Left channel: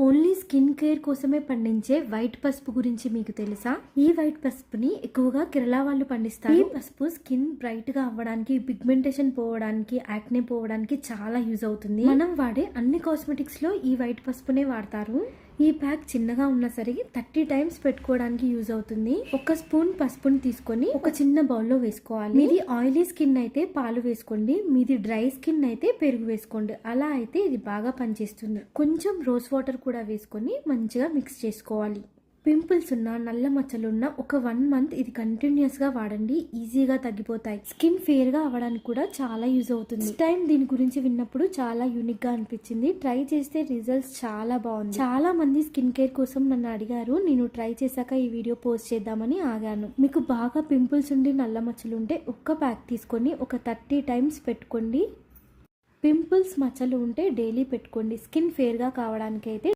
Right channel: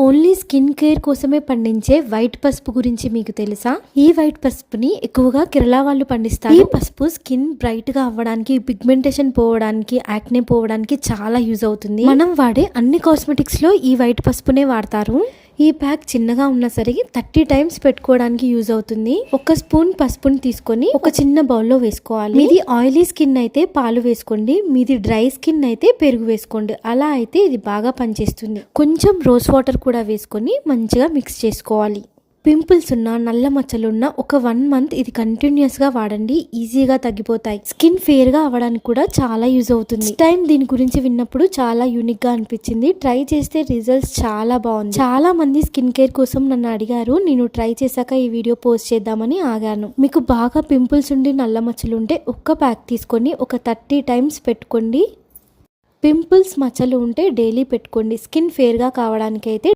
Only skin care కోసమే పండించే white పసుపు గురించి మీకు తెలుసా? ఈ వైట్ పసుపుని ఎక్కువగా కేరళ వాళ్ళు పండిస్తారు. ఈ పసుపు స్కిన్ బ్రైట్ గా అవ్వడానికి, పిగ్మెంటేషన్ పోవడానికి, యాక్నే పోవడానికి చాలా యూజ్ అవుతుంది. మనం వాడే అన్ని కాస్మెటిక్స్ లో ఈ వైట్ పసుపునే వాడతారు. ఈ ప్యాక్ చిన్నగా ఉన్నా సరే 30 టైమ్స్ పెట్టుకోవడానికి యూజ్ అవుతుంది. ఒక స్పూన్ పసుపుని తీసుకొని ఒక చిన్న బౌల్లో వేసుకోవాలి. మీది ఆయిలీ స్కిన్ అయితే పాలు వేసుకోండి, మీది డ్రై స్కిన్ అయితే పెరుగు వేసుకోండి. అలా అయితే ఇది బాగా పనిచేస్తుంది. కొంచెం రోజ్ వాటర్ కూడా వేసుకొని మంచిగా మిక్స్ చేసుకోవాలి. పింపుల్స్ ఉన్న, నల్ల మచ్చలున్న ఒక 1 మంత్ ఇది కంటిన్యూస్ గా వాడండి. ఈజీగా తగ్గిపోతాయి. స్కిన్ ఫేర్ గా అవ్వడానికి కూడా చాలా యూజ్ అవుతుంది. టైం దీని గురించి విన్నప్పుడు చాలా యూనిక్ గా అనిపించింది. ట్రై చేస్తే రిజల్ట్స్ చాలా బాగుంది. చాలా మంది స్కిన్ కేర్ కోసం నన్ను అడిగారు. నేను ట్రై చేశాక ఈ వీడియో పోస్ట్ చేద్దామని ఆగాను. మీకు బాగా పింపుల్స్ ఉండి నల్ల మచ్చలు ఉంటే ఒక్క ప్యాక్ తీసుకొని ఒక 30 టైమ్స్ పెట్టుకోండి. పింపుల్స్ మచ్చలు ఉంటే డైలీ పెట్టుకోండి. స్కిన్ ఫేర్ గా కావడానికి అయితే